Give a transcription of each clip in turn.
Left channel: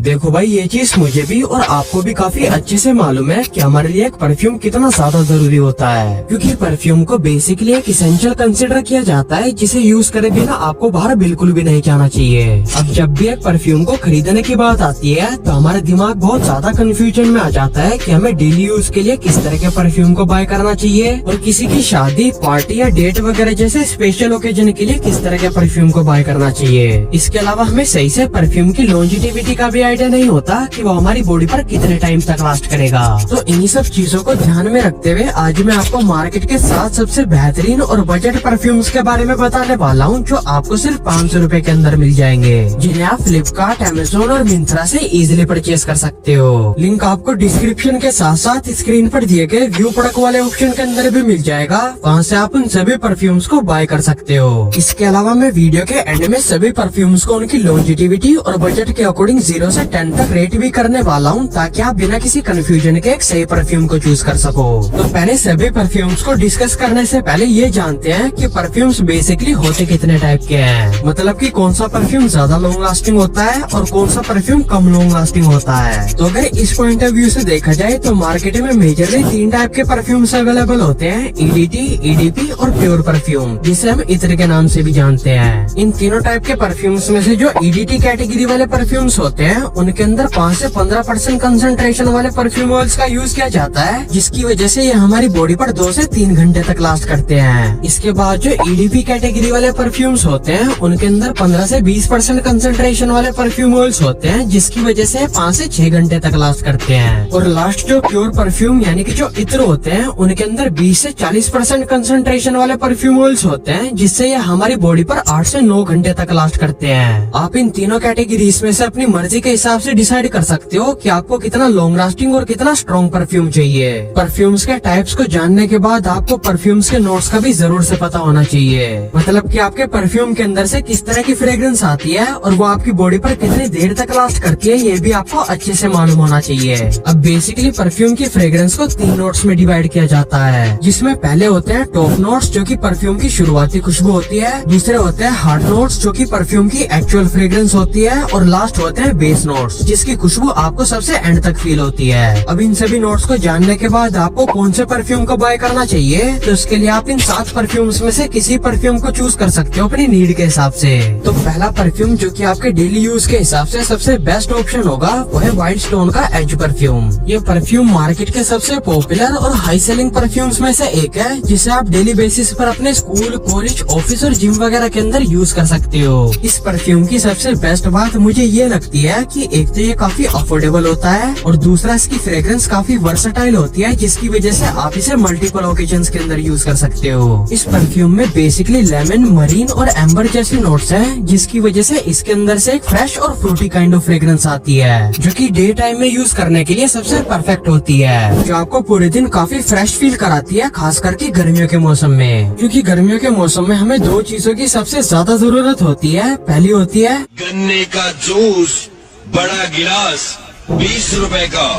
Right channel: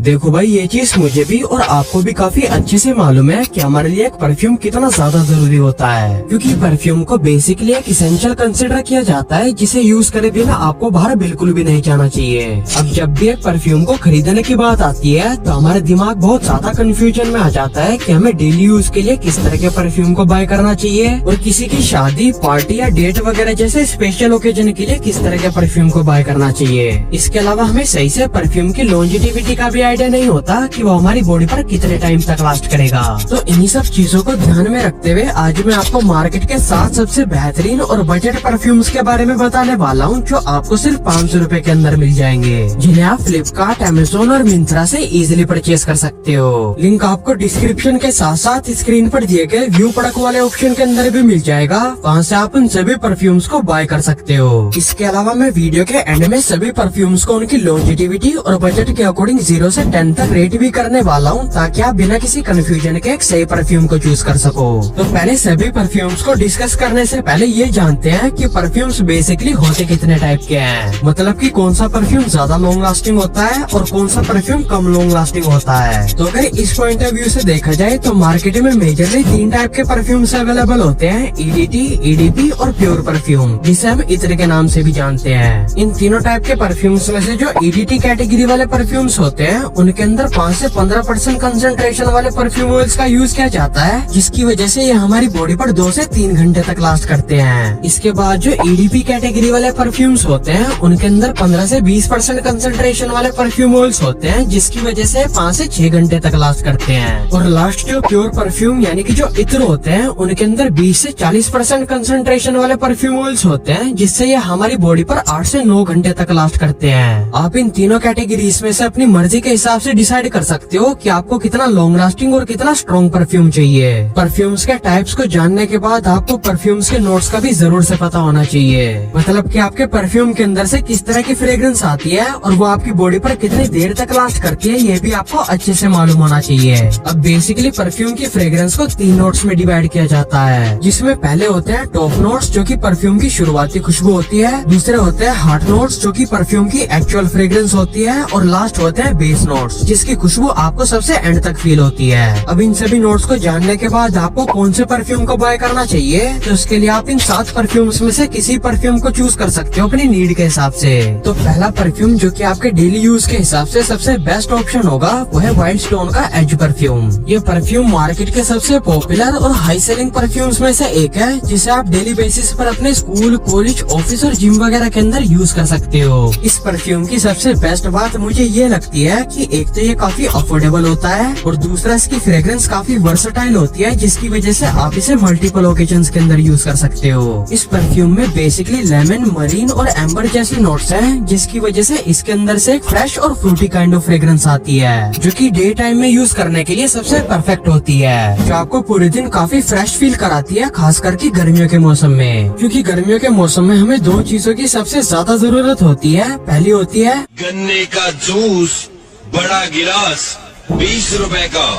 देखो भाई, ये चीज मुझे भी और आपको भी काफी अच्छे से मालूम है कि हमारे लिए एक परफ्यूम कितना ज्यादा जरूरी होता है, क्योंकि परफ्यूम को बेसिकली एक इसेंशियल कंसिडर किया जाता है, जिसे यूज करे बिना आपको बाहर बिल्कुल भी नहीं जाना चाहिए। अब जब भी एक परफ्यूम को खरीदने की बात आती है तो हमारे दिमाग बहुत ज्यादा कंफ्यूजन में आ जाता है कि हमें डेली यूज के लिए किस तरह के परफ्यूम को बाय करना चाहिए और किसी की शादी, पार्टी या डेट वगैरह जैसे स्पेशल ओकेजन के लिए किस तरह के परफ्यूम को बाय करना चाहिए। इसके अलावा हमें सही से परफ्यूम की लॉन्जिटिविटी का भी आइडिया नहीं होता कि वो हमारी बॉडी पर कितने टाइम तक लास्ट करेगा। तो इन्हीं सब चीजों को ध्यान में रखते हुए आज मैं आपको मार्केट के 7 सबसे बेहतरीन और बजट परफ्यूम्स के बारे में बताने वाला हूँ, जो आपको सिर्फ 500 रुपए के अंदर मिल जाएंगे, जिन्हें आप फ्लिपकार्ट, अमेज़न और मिंत्रा से इजीली परचेज कर सकते हो। लिंक आपको डिस्क्रिप्शन के साथ साथ स्क्रीन पर दिए गए व्यू प्रोडक्ट वाले ऑप्शन के अंदर भी मिल जाएगा। वहाँ से आप उन सभी परफ्यूम्स को बाय कर सकते हो। इसके अलावा मैं वीडियो के एंड में सभी परफ्यूम्स को उनकी लॉन्जिटिविटी और बजट के अकॉर्डिंग 0 से 10 तक रेट भी करने वाला हूँ, ताकि आप बिना किसी कंफ्यूजन के एक सही परफ्यूम को चूज कर सको। तो पहले सभी परफ्यूम्स को डिस्कस करने से पहले ये जानते हैं कि परफ्यूम्स बेसिकली होते कितने टाइप के हैं, मतलब कि कौन सा परफ्यूम ज्यादा लॉन्ग लास्टिंग होता है और कौन सा परफ्यूम कम लॉन्ग लास्टिंग होता है। तो अगर इस पॉइंट ऑफ व्यू से देखा जाए तो मार्केट में मेजरली 3 टाइप के परफ्यूम्स अवेलेबल होते हैं, EDT, EDP और प्योर परफ्यूम, जिसे हम इत्र के नाम से भी जानते हैं। इन तीनों टाइप के परफ्यूम्स में से जो EDT कैटेगरी वाले परफ्यूम्स होते हैं उनके अंदर 5 से 15% कंसंट्रेशन वाले परफ्यूम ऑयल्स का यूज किया जाता है, जिसकी वजह से ये हमारी बॉडी पर 2 से 3 घंटे तक लास्ट करते हैं। इसके बाद जो EDP कैटेगरी वाले परफ्यूम्स होते हैं उनके अंदर 15 से 20% कंसंट्रेशन वाले परफ्यूम ऑयल्स होते हैं, जिसकी वजह से 5 से 6 घंटे तक लास्ट करते हैं। और लास्ट जो प्योर परफ्यूम यानी कि जो इत्र होते हैं उनके अंदर 20 से 40% कंसंट्रेशन वाले परफ्यूम ऑयल्स होते हैं, जिससे ये हमारी बॉडी पर 8 से 9 घंटे तक लास्ट करते हैं। आप इन तीनों कैटेगरीज में से अपनी मर्जी के हिसाब से डिसाइड कर सकते हो कि आपको कितना लॉन्ग लास्टिंग और कितना स्ट्रॉन्ग परफ्यूम चाहिए। परफ्यूम्स के टाइप्स को जानने के बाद आपको परफ्यूम्स के नोट्स का भी जरूर से पता होना चाहिए, मतलब कि आपके परफ्यूम के अंदर से किस तरह की फ्रेग्रेंस आती है और वो आपकी बॉडी पर कितनी देर तक लास्ट करती है, ये भी आपको अच्छे से मालूम होना चाहिए। अब बेसिकली परफ्यूम की फ्रेग्रेंस को 3 नोट्स में डिवाइड किया जाता है, जिसमें पहले होते हैं टॉप नोट्स, जो कि परफ्यूम की शुरुआती खुशबू होती है। दूसरे होते हैं हार्ट नोट्स, जो कि परफ्यूम की एक्चुअल फ्रेग्रेंस होती है। और लास्ट होते हैं बेस नोट्स, जिसकी खुशबू आपको सबसे एंड तक फील होती है। अब इन सभी नोट्स को जानने के बाद आपको कौन से परफ्यूम को बाय करना चाहिए, तो उसके लिए आप इन 7 परफ्यूम्स में से किसी परफ्यूम को चूज कर सकते हो अपनी नीड के हिसाब से। तो पहला परफ्यूम जो कि आपके डेली यूज के हिसाब से सबसे बेस्ट ऑप्शन होगा वो है वाइल्ड स्टोन का एज परफ्यूम। ये परफ्यूम मार्केट के सबसे पॉपुलर और हाई सेलिंग परफ्यूम्स में से एक है, जिसे आप डेली बेसिस पर अपने स्कूल, कॉलेज, ऑफिस और जिम वगैरह के अंदर यूज कर सकते हो। इस परफ्यूम की सबसे बेस्ट बात मुझे ये लगती है कि एक तो ये काफी अफोर्डेबल होता है और दूसरा इसकी फ्रेग्रेंस काफी वर्सेटाइल होती है, जिसकी वजह से आप इसे मल्टीपल ओकेजन्स के अंदर यूज कर सकते हो। इस परफ्यूम में बेसिकली लेमन, मरीन और एम्बर जैसी नोट्स हैं, जिसकी वजह से इसके अंदर से एक फ्रेश और फ्रूटी काइंड ऑफ फ्रेग्रेंस आती है, जो कि डे टाइम में यूज करने के लिए सबसे परफेक्ट होती है, जो आपको पूरे दिन काफी फ्रेश फील कराती है, खास करके गर्मियों के मौसम में। क्योंकि गर्मियों के मौसम में हमें 2 चीजों की सबसे ज्यादा जरूरत होती है। पहली होती है गन्ने का जूस, बड़ा गिलास 20 रुपए का,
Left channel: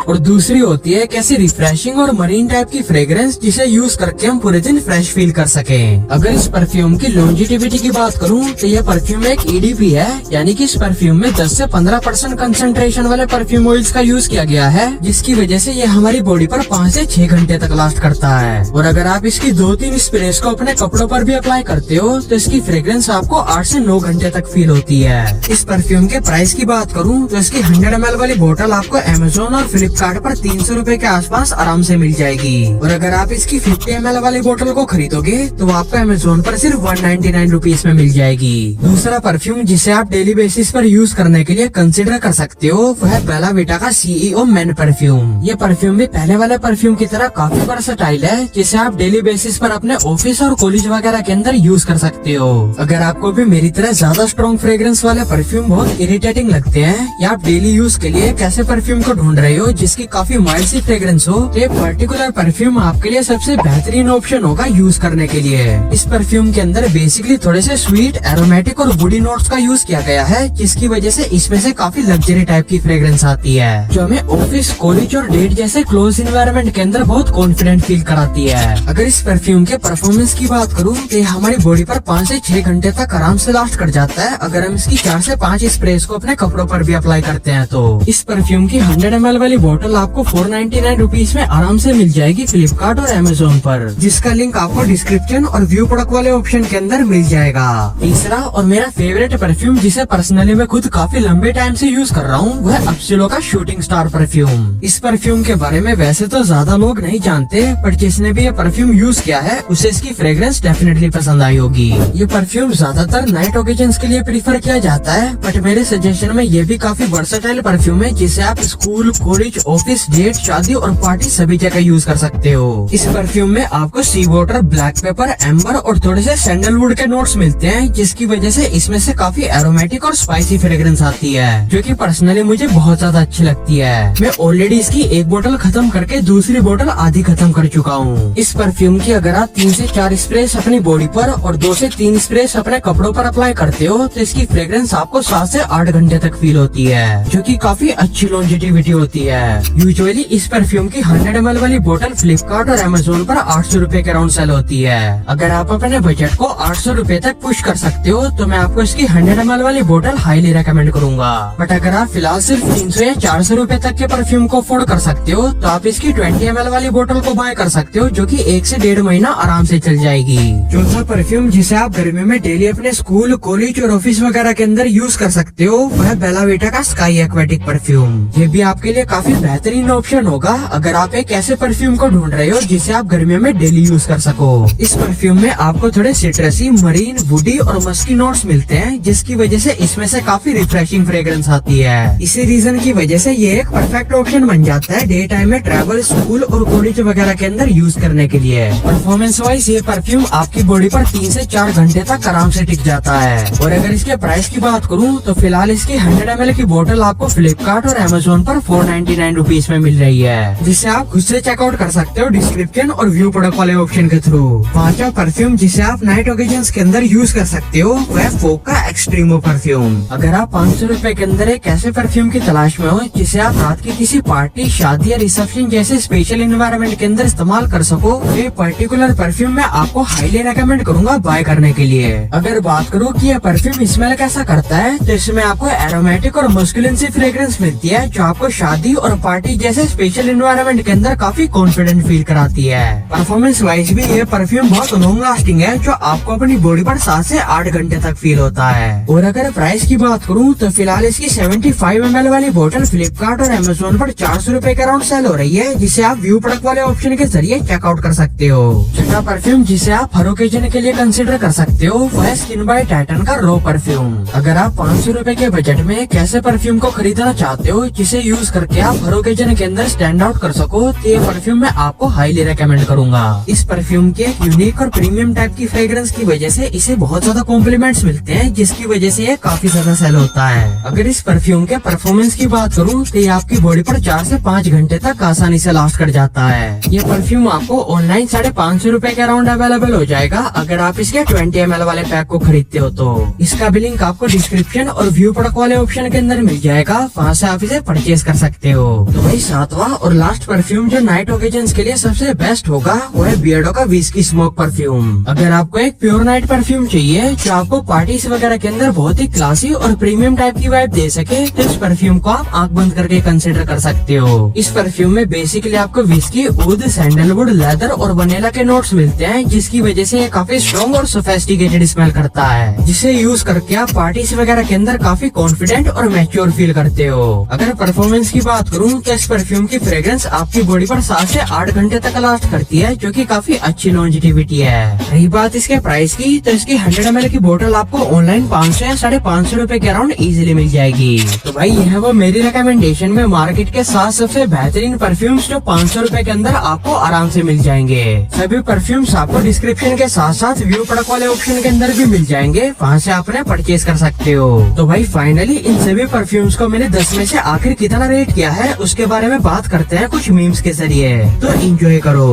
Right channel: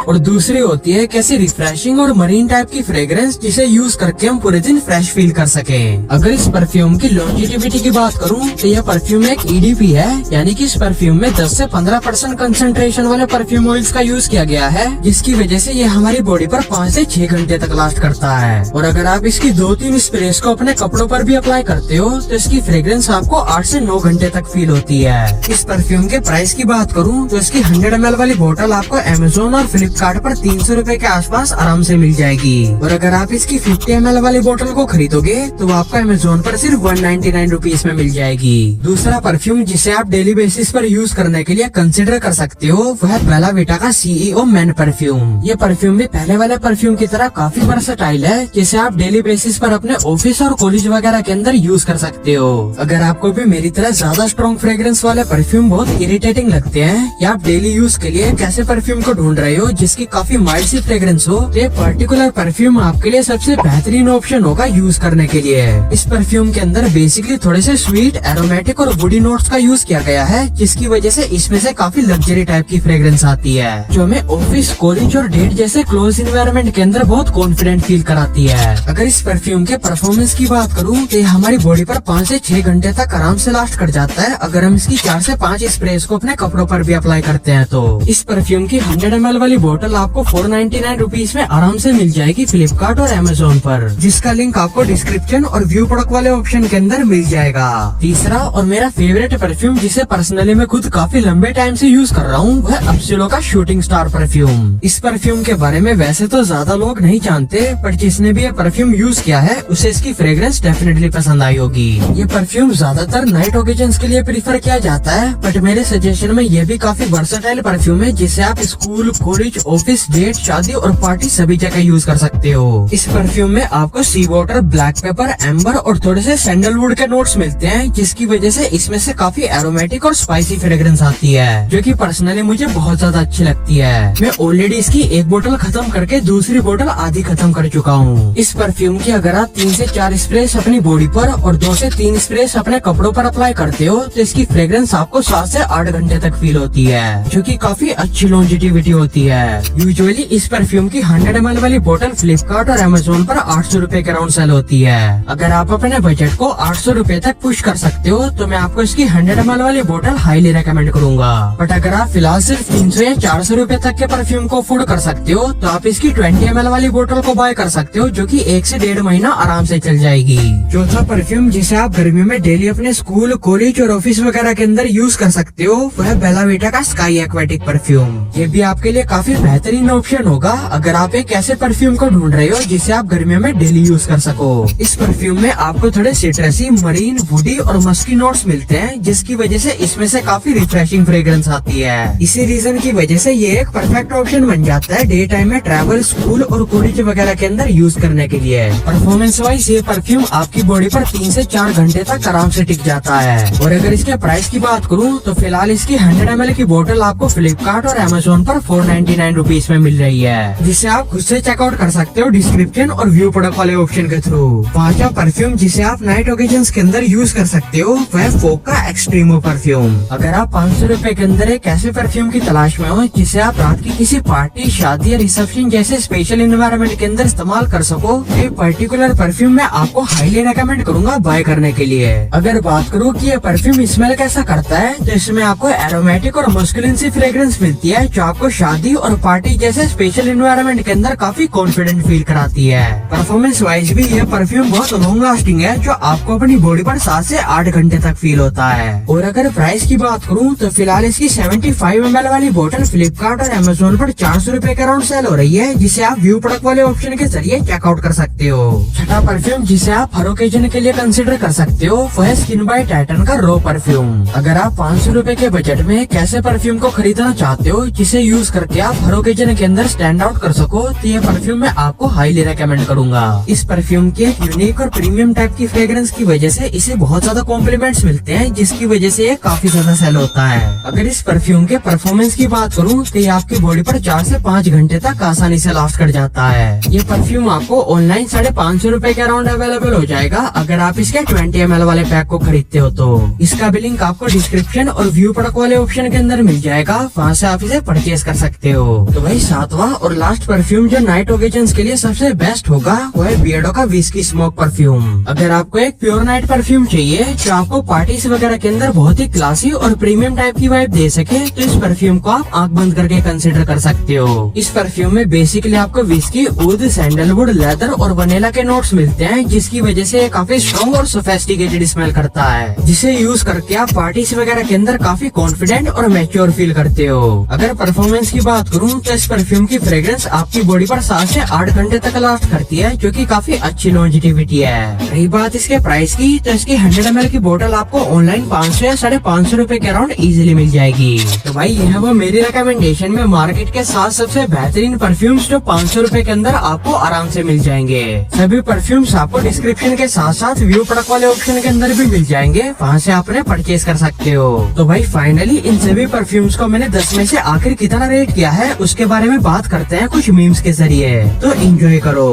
और दूसरी होती है कैसी रिफ्रेशिंग और मरीन टाइप की फ्रेग्रेंस, जिसे यूज करके हम पूरे दिन फ्रेश फील कर सकें। अगर इस परफ्यूम की लॉन्जिटिविटी की बात करूं तो यह परफ्यूम एक EDP है, यानी कि इस परफ्यूम में 10 से 15% कंसंट्रेशन वाले परफ्यूम ऑयल्स का यूज किया गया है, जिसकी वजह से ये हमारी बॉडी पर 5 से 6 घंटे तक लास्ट करता है। और अगर आप इसकी 2-3 स्प्रेस को अपने कपड़ों पर भी अप्लाई करते हो तो इसकी फ्रेग्रेंस आपको 8 से 9 घंटे तक फील होती है। इस परफ्यूम के प्राइस की बात करूँ तो इसकी 100 ml वाली बोतल आपको अमेज़न और फ्लिपकार्ट पर 300 रुपए के आसपास आराम से मिल जाएगी। और अगर आप इसकी 50 ml वाली बोतल को खरीदोगे तो आपको अमेज़न पर सिर्फ 199 रुपीज में मिल जाएगी। दूसरा परफ्यूम जिसे आप डेली बेसिस पर यूज करने के लिए कंसिडर कर सकते हो वो है बेला विटा का CEO मेन परफ्यूम। ये परफ्यूम भी पहले वाले परफ्यूम की तरह काफी वर्सेटाइल है, जिसे आप डेली बेसिस पर अपने ऑफिस और कॉलेज वगैरह के अंदर यूज कर सकते हो। अगर आपको भी मेरी तरह ज्यादा स्ट्रॉन्ग फ्रेग्रेंस वाले परफ्यूम बहुत इरिटेटिंग लगते हैं या आप डेली यूज के लिए एक ऐसे परफ्यूम को ढूंढ रहे हो जिसकी काफी माइल्ड सी फ्रेग्रेंस हो, तो ये पर्टिकुलर परफ्यूम आपके लिए सबसे बेहतरीन ऑप्शन होगा यूज करने के लिए। इस परफ्यूम के अंदर बेसिकली थोड़े से स्वीट, एरोमेटिक और वुडी नोट्स का यूज किया गया है, जिसकी वजह से इसमें से काफी लग्जरी टाइप की फ्रेग्रेंस आती है, जो हमें ऑफिस, कॉलेज और डेट जैसे क्लोज इन्वायरमेंट के अंदर बहुत कॉन्फिडेंट फील कराती है। अगर इस परफ्यूम के परफॉर्मेंस की बात करूँ तो ये हमारी बॉडी पर 5 से 6 घंटे तक आराम से लास्ट कर जाता है, अगर हम इसकी 4 से 5 स्प्रेस को अपने कपड़ों पर भी अप्लाई करते हैं तो। इस परफ्यूम की 100 ml वाली बोतल आपको 499 रुपीज में आराम से मिल जाएगी फ्लिपकार्ट और अमेजोन पर, जिसका लिंक आपको डिस्क्रिप्शन और व्यू प्रोडक्ट वाले ऑप्शन के अंदर मिल जाएगा। तीसरा और मेरा फेवरेट परफ्यूम, जिसे पर्सनली मैं खुद काफी लंबे टाइम से यूज कर रहा हूँ, वह एब्सोलो का शूटिंग स्टार परफ्यूम। इस परफ्यूम के बारे में वैसे तो ज्यादा लोग नहीं जानते, पर जिसने भी ये परफ्यूम यूज किया है उसे इसकी फ्रेग्रेंस डेफिनेटली पसंद आई होगी। ये परफ्यूम ज्यादातर नाइट ओकेजन्स के लिए प्रीफर किया जाता है, बट मेरे सजेशन में ये भी काफी वर्सेटाइल परफ्यूम है, जिसे आप स्कूल, कॉलेज, ऑफिस, डेट, शादी और पार्टी सभी जगह यूज कर सकते हो। इस परफ्यूम में आपको सी वाटर, ब्लैक पेपर, एम्बर और थोड़े से सैंडलवुड के नोट्स मिलते हैं, जिसकी वजह से इसमें से काफी एरोमेटिक और स्पाइसी फ्रेग्रेंस आती है, जो कि पर्सनली मुझे बहुत ज्यादा अच्छी लगती है। मैं ऑलरेडी इसकी एक बोतल खत्म करके दूसरी बोतल आधी खत्म कर चुका हूँ। इस परफ्यूम की अगर आप 3 से 4 स्प्रेस अपनी बॉडी पर और 2 से 3 स्प्रेस अपने कपड़ों पर अप्लाई करते हो तो इसकी फ्रेग्रेंस आपको 7 से 8 घंटे तक फील होती है, जो कि काफी अच्छी लॉन्जेटिविटी होती है। यूजुअली इस परफ्यूम की 100 ml वाली बोतल फ्लिपकार्ट और अमेजोन पर 800 रुपए के राउंड सेल होती है। अगर आप अपने बजट को 800 रुपए तक पुश कर सकते हो तो मैं आपको इसकी 100 ml वाली बोतल हाईली रेकमेंड करूंगा। बट अगर आप फिलहाल सिर्फ 300 या 400 रुपए तक के परफ्यूम को अफोर्ड कर सकते हो तो आप इसकी 20 ml वाली बोतल को बाय कर सकते हो, जो कि 1 से 1.5 महीना आराम से चल जाएगी। चौथा परफ्यूम जिसे आप गर्मी में डेली अपने स्कूल, कॉलेज और ऑफिस वगैरह के अंदर यूज कर सकते हो, वह बेला वीटा का स्काई एक्वेटिक परफ्यूम। ये भी आपके लिए काफी बेहतरीन ऑप्शन होगा अगर आप एक ऐसे परफ्यूम को ढूंढ रहे हो जिसे आप गर्मियों में डेली यूज कर सको। इस परफ्यूम में आपको थोड़े सिट्रसी, मरीन, वुडी और मस्की नोट्स मिलते हैं, जिसकी वजह से इसमें से काफी रिफ्रेशिंग फ्रेग्रेंस आती है। इसी रीजन की वजह से ये एक परफेक्ट ऑप्शन बन जाता है डे टाइम में ट्रैवल, स्कूल और कॉलेज वगैरह के अंदर यूज करने के लिए। परफॉर्मेंस वाइज ये परफ्यूम आपकी बॉडी पर 3 से 4 घंटे तक आराम से टिक जाता है। और अगर इसके प्राइस की बात करूँ तो फिलहाल इसकी 100 ml की बोतल आपको फ्लिपकार्ट और अमेजोन पर 499 रुपीज में मिल रही है, जिसे आप खुद से चेकआउट कर सकते हो डिस्क्रिप्शन और व्यू प्रोडक्ट वाले ऑप्शन के थ्रू। पांचवा परफ्यूम जिसे आप नाइट ओकेजन्स के अंदर यूज कर सकते हो वह फोक का एक्सट्रीमो परफ्यूम। अगर आप 500 रुपए के अंदर एक ऐसे परफ्यूम की तलाश में हो जिसे आप रात की किसी पार्टी, शादी या रिसेप्शन जैसे स्पेशल इन्वायरमेंट के अंदर इस्तेमाल कर सको, तो ये पर्टिकुलर परफ्यूम मैं आपको हाईली रेकमेंड करूंगा बाय करने के लिए। अगर बात करूँ कि ये परफ्यूम स्मेल कैसा करता है तो इसमें आपको एरोमेटिक और मस्कुलिन सी फ्रेग्रेंस मिलती है, जो आपको शादी और पार्टी जैसे स्पेशल इन्वायरमेंट के अंदर काफी कॉन्फिडेंट फील कराती है। परफॉर्मेंस वाइज भी ये परफ्यूम बहुत लॉन्ग लास्टिंग है, जो आपको अपनी बॉडी पर 7 से 8 घंटे तक फील होता है। और अगर प्राइस की बात करूँ तो फिलहाल इसकी 75 ml वाली बोतल फ्लिपकार्ट और अमेजोन पर 400 रुपए के अराउंड सेल हो रही है, जिसे आप व्यू प्रोडक्ट वाले ऑप्शन के जरिए चेकआउट कर सकते हो। छठा परफ्यूम जिसे आप हर ओकेजन के लिए कंसिडर कर सकते हो वह स्किन बाय टाइटन का रो परफ्यूम। अगर आप 500 रुपए के बजट में एक ऐसे परफ्यूम को खरीदना चाहते हो जिसे यूज करके आप हर ओकेजन के अंदर स्टैंड आउट कर सको, तो ये परफ्यूम मैं आपको हाईली रेकमेंड करूंगा। इस परफ्यूम के यूनिक और प्रीमियम टाइप की फ्रेग्रेंस की वजह से इसे बहुत ज्यादा कॉम्प्लीमेंट्स मिलते हैं, जिसकी वजह से ये काफी ज्यादा सेल होता है। अगर इस परफ्यूम के परफॉर्मेंस की बात करूँ तो ये आपकी बॉडी पर 4 से 5 घंटे तक आसानी से लास्ट कर जाता है। ये परफ्यूम आपको ऑनलाइन 550 रुपए के अराउंड अवेलेबल हो जाएगा अगर आप इसके 20 ml वाले पैक को खरीदते हो तो। इसका भी लिंक आपको डिस्क्रिप्शन और व्यू प्रोडक्ट वाले ऑप्शन के अंदर मिल जाएगा, वहाँ से आप इसे परचेज कर सकते हो। तो भाई सातवां और लास्ट परफ्यूम जो नाइट ओकेजन्स के लिए सबसे बेस्ट होगा वो है बियर्डो का विस्की स्मोक परफ्यूम। अगर आपको एक प्योर नाइट परफ्यूम चाहिए जो आपको पार्टीज वगैरह के अंदर बहुत ही क्लासी और प्रीमियम टाइप की वाइब दे सके, तो इस परफ्यूम को आप आंख बंद करके कंसिडर कर सकते हो। इस परफ्यूम में बेसिकली आपको विस्की, ऊद, सैंडलवुड, लेदर और वनीला के नोट्स मिलते हैं, जिसकी वजह से ये काफी स्ट्रॉन्ग और सोफिस्टिकेटेड स्मेल करता है, जिसे यूज करके आप पार्टीज वगैरह के अंदर काफी कॉन्फिडेंट और मैच्योर फील करते हो। अगर परफॉर्मेंस की बात करूँ तो इस परफ्यूम की फ्रेग्रेंस आपकी बॉडी पर 7 से 8 घंटे तक लास्ट करती है, जो कि काफी अच्छी लॉन्जेटिविटी है। रही बात इसके प्राइस की तो इसकी 100 ml की बोतल आपको ऑनलाइन 500 या 550 रुपए के अराउंड इजीली मिल जाएगी। तो भाई ये है वो मेरी रिकमेंडेशन में मार्केट के 7 सबसे बेहतरीन परफ्यूम्स जो 500 रुपए के अंदर आपको आराम से मिल जाएंगे। सभी परफ्यूम्स आपको डिस्क्रिप्शन के साथ साथ व्यू प्रोडक्ट वाले ऑप्शन के अंदर भी मिल जाएंगे, वहाँ से आप परचेज कर सकते हो। तो भाई फाइनली इन सभी परफ्यूम्स को मैंने 10 में से आखिर कितना रेट किया है है उसके बारे में बात करते हैं कुछ मीम्स के जरिए, तो एंजॉय करो।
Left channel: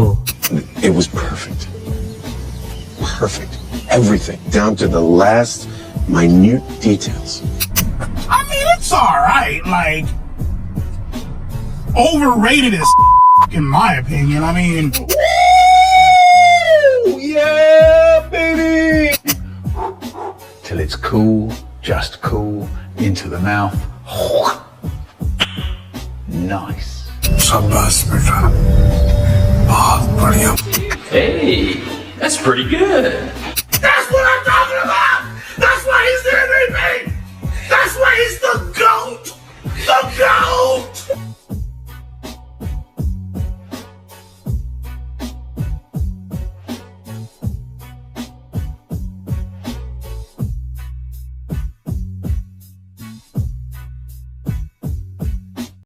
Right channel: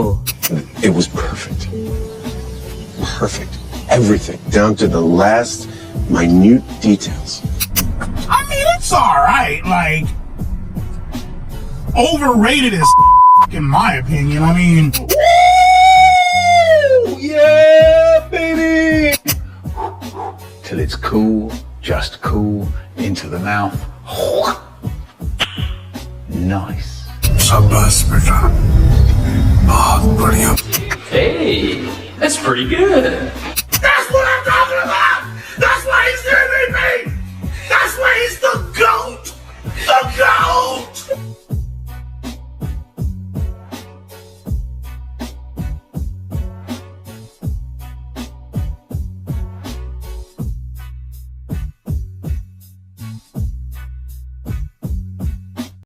It was perfect. Perfect. Everything, down to the last minute details. I mean, it's alright, like, overrated as in my opinion. I mean, Woo! Yeah, baby! Till it's cool, just cool, into the mouth. Nice. शाबाश बेटा, बहुत बढ़िया। Hey, that's pretty good.